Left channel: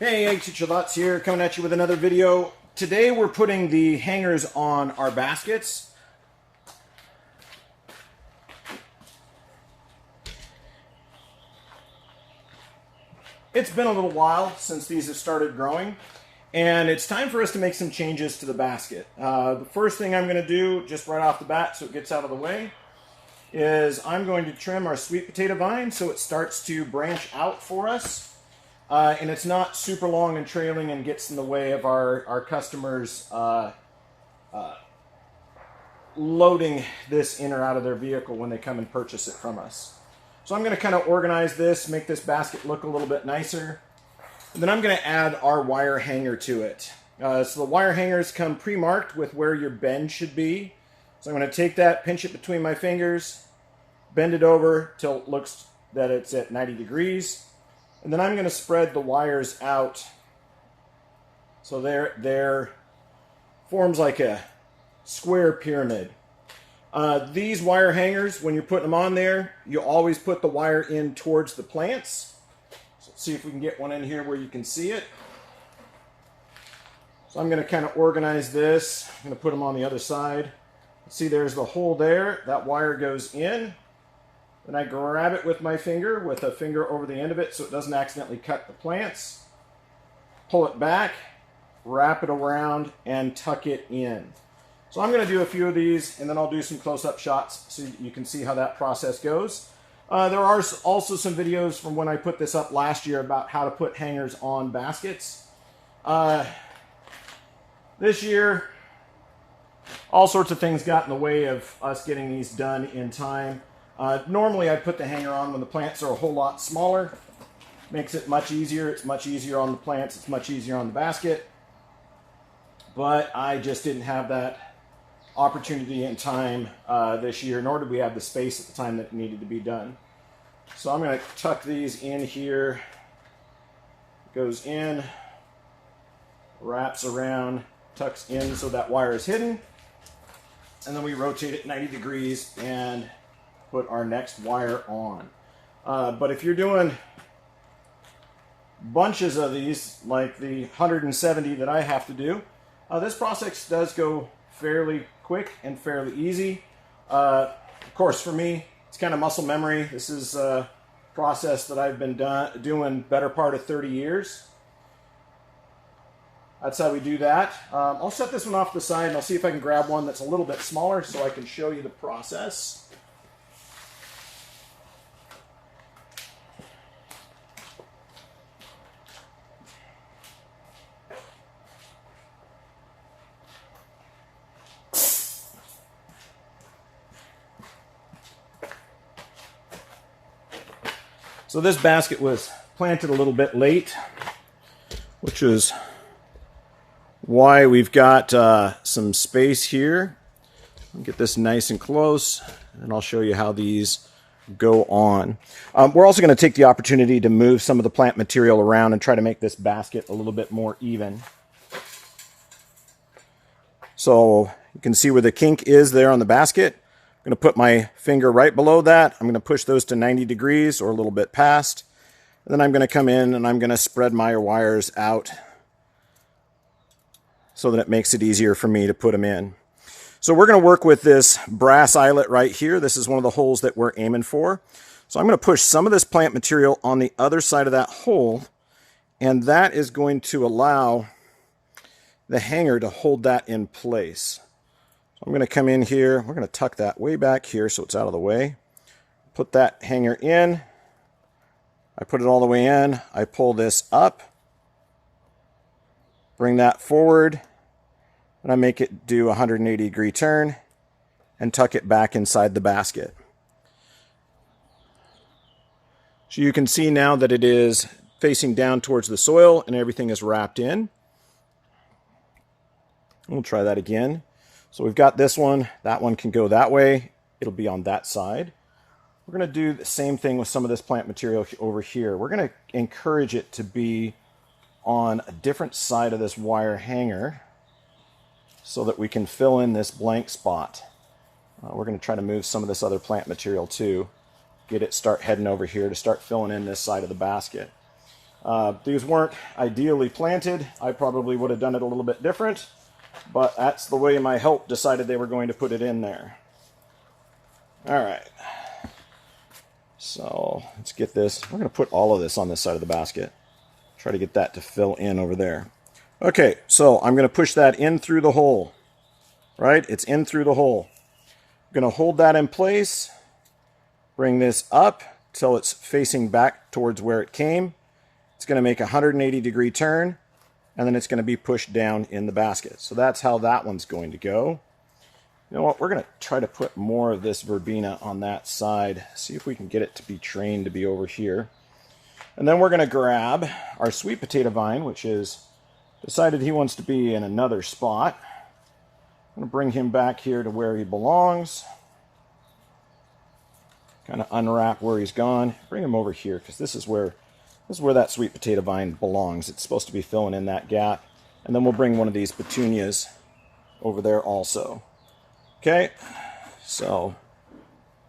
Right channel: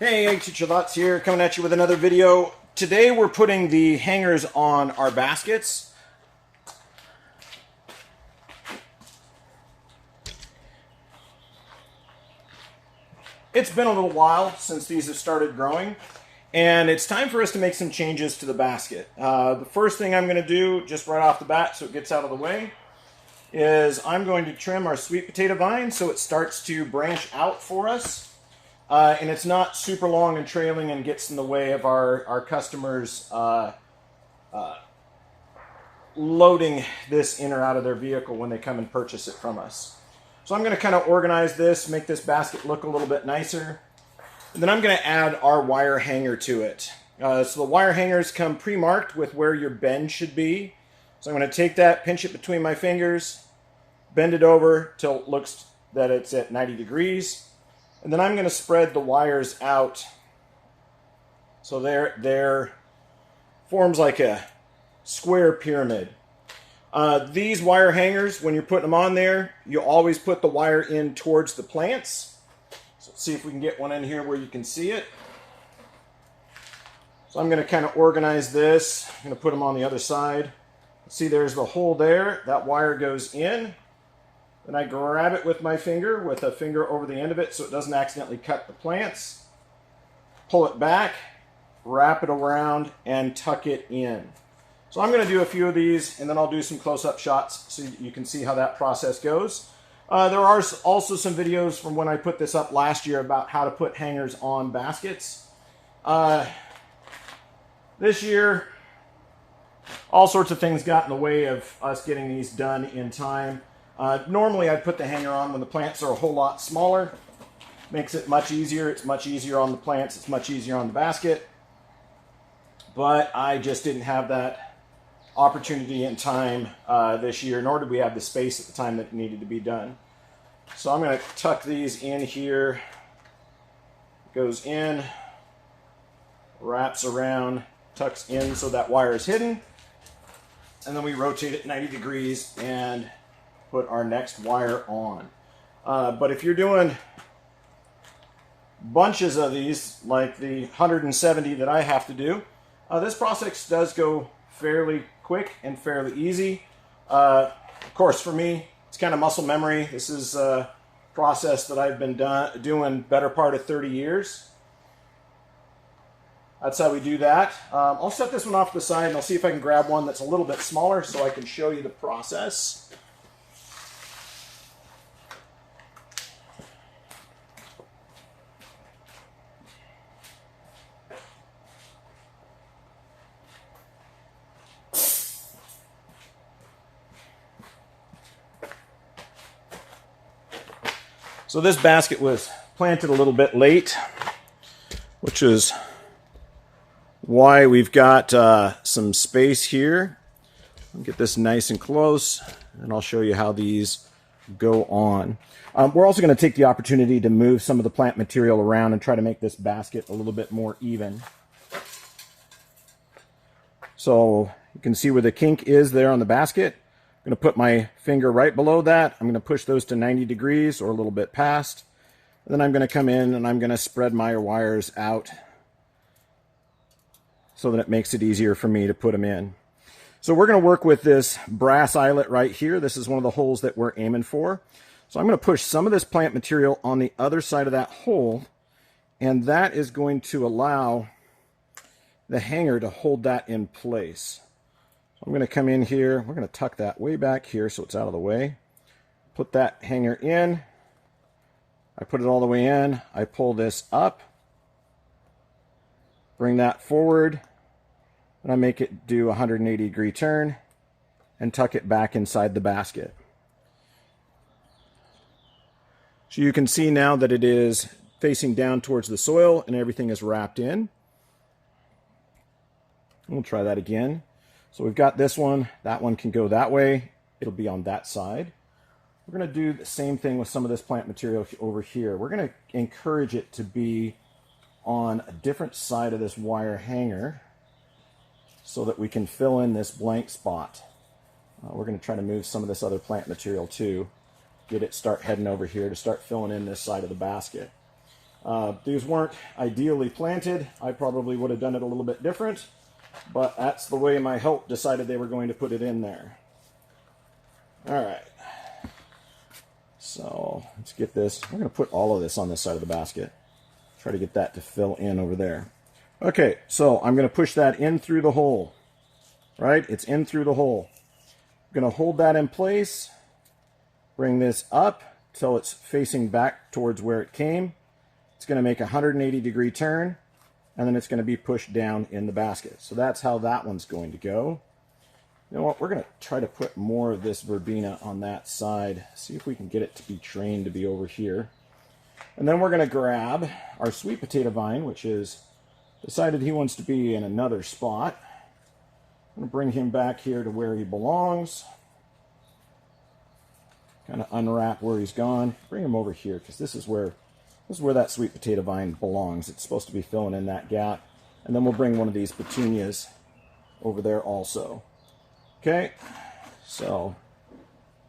Hey, Teacher Lots here, coming at you with another video. Today we're putting the hangers on our baskets. It's been a little while since these have started growing, and it's time for us to make some changes to the basket. The first thing I'm going to do, just right off the bat so it gets out of the way, is I'm going to trim our sweet potato vine so it starts to branch out for us. And it's not super long and trailing and gets in the way of our customers loading this in or out of their vehicle when they come and purchase it from us. So I'm going to kind of organize this, make this basket look a little bit nicer. And then I'm going to add our wire hanger to it. So the wire hangers come pre-marked with where your bend should be. So I'm going to take that, pinch it between my fingers, bend it over till it looks that it's at 90 degrees. And then I'm going to spread the wires out so they're forms like a square pyramid. These wire hangers, when you're putting them on there, you always put the wire in towards the plants. So let's see if we can get one in here where you can see it. So I'm going to kind of organize this. I'm going to put them on the other side. See, there's the hole there. That wire goes in. Then I grab it with my finger, with a finger over the end of it so it doesn't accidentally cut the plants. Pull it back, wrap it around, and tuck it in. So I'm going to do a few of these, and then I'll do some close-up shots so you can see how that process goes. There are also some videos from when I put this up last year about how to put hangers on baskets. This year, all sorts of things got in the way of us getting these done in time. Normally I'd put the hanger on when the plants are a whole lot smaller. Makes it much easier. It's much easier on the plants. It's much easier on the basket. But I just didn't have that opportunity in time this year, nor did we have the space at the time that it needed to be done. So I'm going to tuck these in here. Goes in, wraps around, tucks in so that wire is hidden. And then we rotate it 90 degrees and put our next wire on. But if you're doing bunches of these, like the 170 that I have to do, this process does go fairly quick and fairly easy. Of course, for me, it's kind of muscle memory. This is a process that I've been doing better part of 30 years. That's how we do that. I'll set this one off to the side and I'll see if I can grab one that's a little bit smaller so I can show you the process. So this basket was planted a little bit late, which is why we've got some space here. I'll get this nice and close, and I'll show you how these go on. We're also going to take the opportunity to move some of the plant material around and try to make this basket a little bit more even. So you can see where the kink is there on the basket. I'm going to put my finger right below that. I'm going to push those to 90 degrees or a little bit past. And then I'm going to come in and I'm going to spread my wires out so that it makes it easier for me to put them in. So we're going to work with this brass eyelet right here. This is one of the holes that we're aiming for. So I'm going to push some of this plant material on the other side of that hole, and that is going to allow the hanger to hold that in place. I'm going to come in here. We're going to tuck that way back here so it's out of the way. Put that hanger in. I put it all the way in. I pull this up. Bring that forward. And I make it do a 180-degree turn and tuck it back inside the basket. So you can see now that it is facing down towards the soil and everything is wrapped in. We'll try that again. So we've got this one. That one can go that way. It'll be on that side. We're going to do the same thing with some of this plant material over here. We're going to encourage it to be on a different side of this wire hanger so that we can fill in this blank spot. We're going to try to move some of this other plant material too. Get it start heading over here to start filling in this side of the basket. These weren't ideally planted. I probably would have done it a little bit different, but that's the way my help decided they were going to put it in there. All right. So let's get this. We're going to put all of this on this side of the basket. Try to get that to fill in over there. Okay, so I'm going to push that in through the hole. Right? It's in through the hole. I'm going to hold that in place. Bring this up till it's facing back towards where it came. It's going to make a 180-degree turn, and then it's going to be pushed down in the basket. So that's how that one's going to go. You know what? We're going to try to put more of this verbena on that side. See if we can get it to be trained to be over here. And then we're going to grab our sweet potato vine, which is decided he wants to be in another spot. I'm going to bring him back here to where he belongs. Kind of unwrap where he's gone. Bring him over here because this is where that sweet potato vine belongs. It's supposed to be filling in that gap. And then we'll bring one of these petunias over there also. Okay, so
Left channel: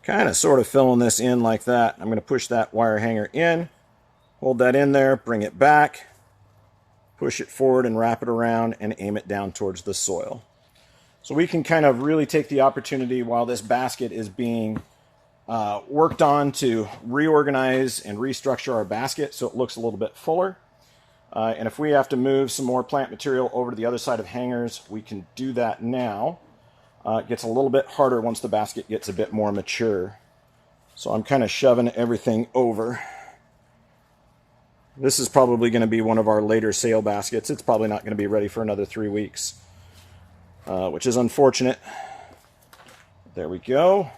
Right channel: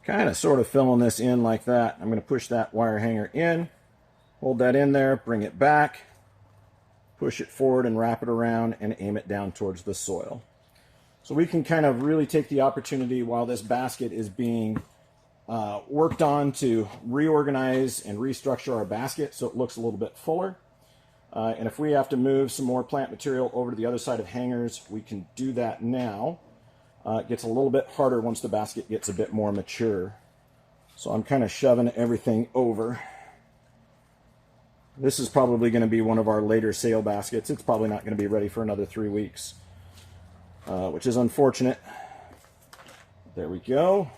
kind of sort of filling this in like that. I'm going to push that wire hanger in, hold that in there, bring it back, push it forward and wrap it around and aim it down towards the soil. So we can kind of really take the opportunity while this basket is being worked on to reorganize and restructure our basket so it looks a little bit fuller. And if we have to move some more plant material over to the other side of hangers, we can do that now. It gets a little bit harder once the basket gets a bit more mature. So I'm kind of shoving everything over. This is probably going to be one of our later sale baskets. It's probably not going to be ready for another 3 weeks, which is unfortunate. There we go.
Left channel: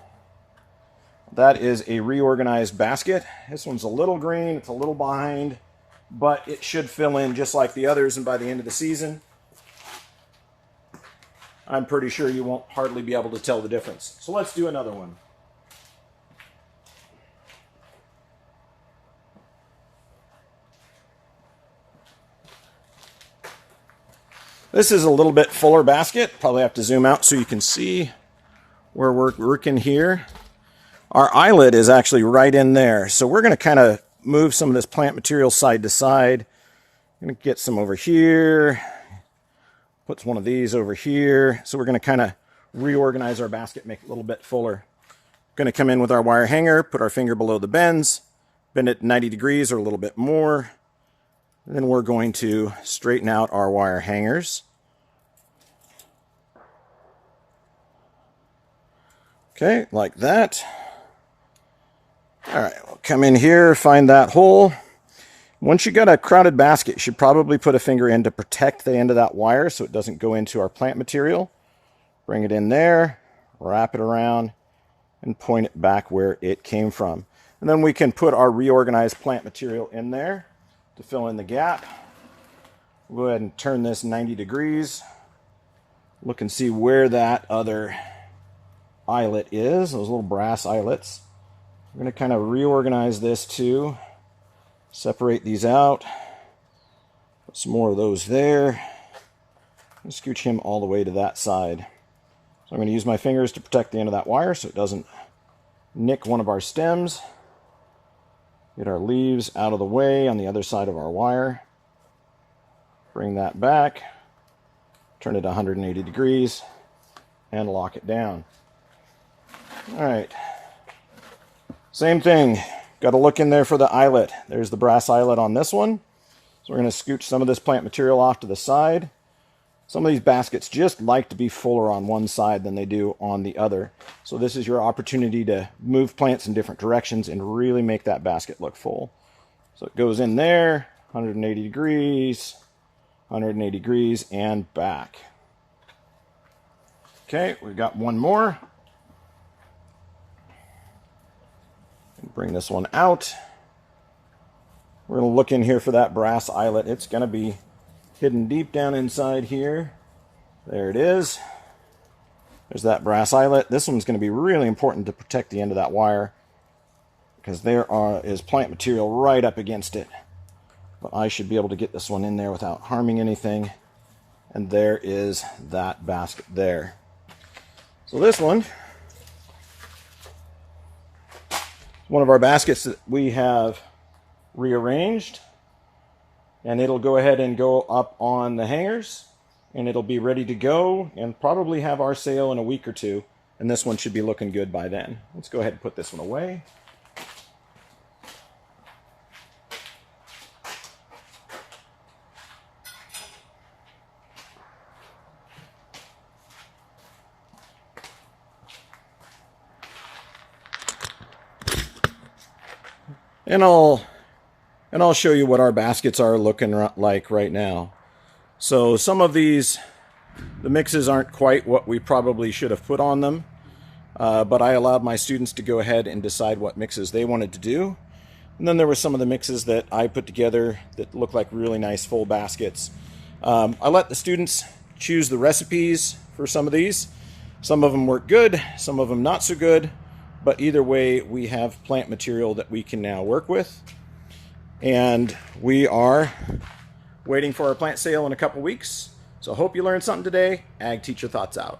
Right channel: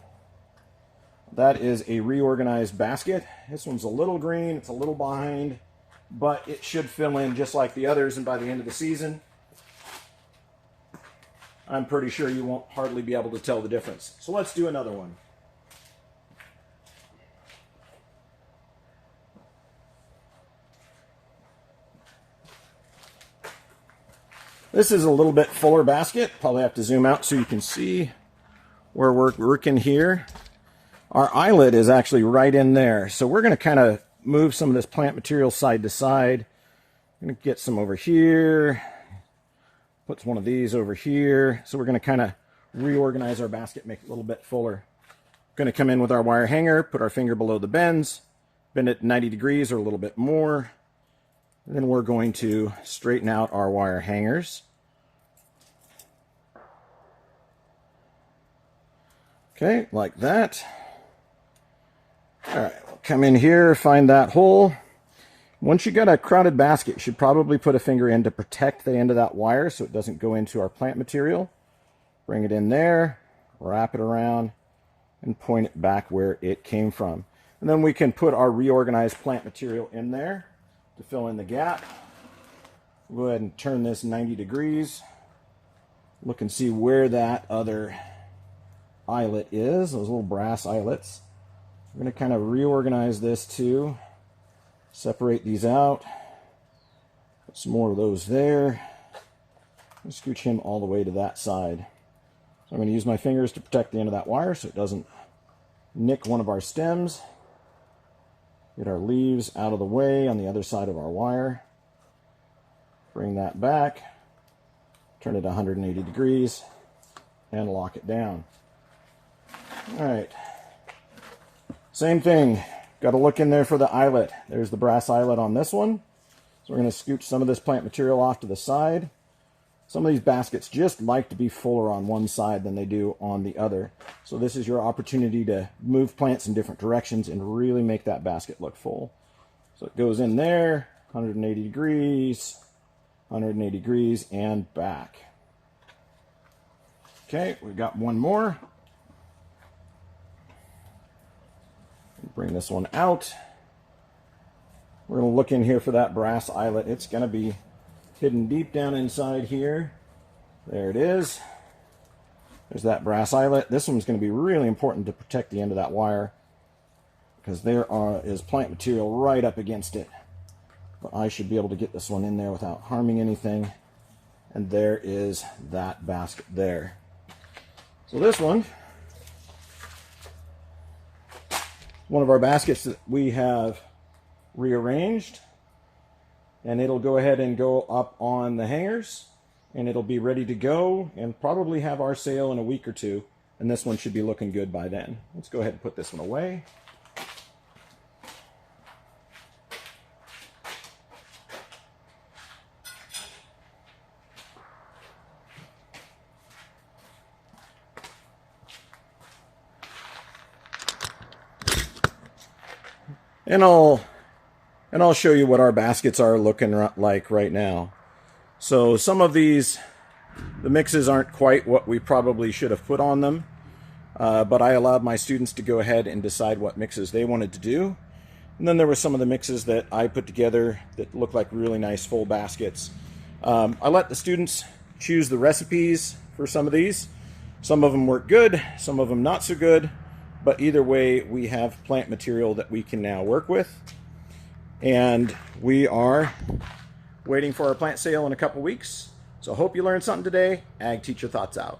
That is a reorganized basket. This one's a little green, it's a little behind, but it should fill in just like the others, and by the end of the season, I'm pretty sure you won't hardly be able to tell the difference. So let's do another one. This is a little bit fuller basket. Probably have to zoom out so you can see where we're working here. Our eyelet is actually right in there. So we're going to kind of move some of this plant material side to side. I'm going to get some over here. Put one of these over here. So we're going to kind of reorganize our basket, make it a little bit fuller. Going to come in with our wire hanger, put our finger below the bends, bend it 90 degrees or a little bit more. And then we're going to straighten out our wire hangers. Okay, like that. All right, we'll come in here, find that hole. Once you got a crowded basket, you should probably put a finger in to protect the end of that wire so it doesn't go into our plant material. Bring it in there, wrap it around, and point it back where it came from. And then we can put our reorganized plant material in there to fill in the gap. We'll go ahead and turn this 90 degrees. Look and see where that other eyelet is, those little brass eyelets. I'm going to kind of reorganize this too. Separate these out. Put some more of those there. And scooch him all the way to that side. So I'm going to use my fingers to protect the end of that wire so it doesn't nick one of our stems. Get our leaves out of the way on the other side of our wire. Bring that back. Turn it 180 degrees and lock it down. All right. Same thing. Got to look in there for the eyelet. There's the brass eyelet on this one. So we're going to scooch some of this plant material off to the side. Some of these baskets just like to be fuller on one side than they do on the other. So this is your opportunity to move plants in different directions and really make that basket look full. So it goes in there, 180 degrees, 180 degrees, and back. Okay, we've got one more. Bring this one out. We're going to look in here for that brass eyelet. It's going to be hidden deep down inside here. There it is. There's that brass eyelet. This one's going to be really important to protect the end of that wire because there is plant material right up against it. But I should be able to get this one in there without harming anything. And there is that basket there. So this one of our baskets that we have rearranged. and it'll go ahead and go up on the hangers, and it'll be ready to go and probably have our sale in a week or two, and this one should be looking good by then. Let's go ahead and put this one away. And I'll show you what our baskets are looking like right now. So some of these, the mixes aren't quite what we probably should have put on them, but I allowed my students to go ahead and decide what mixes they wanted to do. And then there were some of the mixes that I put together that look like really nice full baskets. I let the students choose the recipes for some of these. Some of them work good, some of them not so good. But either way, we have plant material that we can now work with. And we are waiting for our plant sale in a couple weeks. So hope you learned something today. Ag Teacher Thoughts out.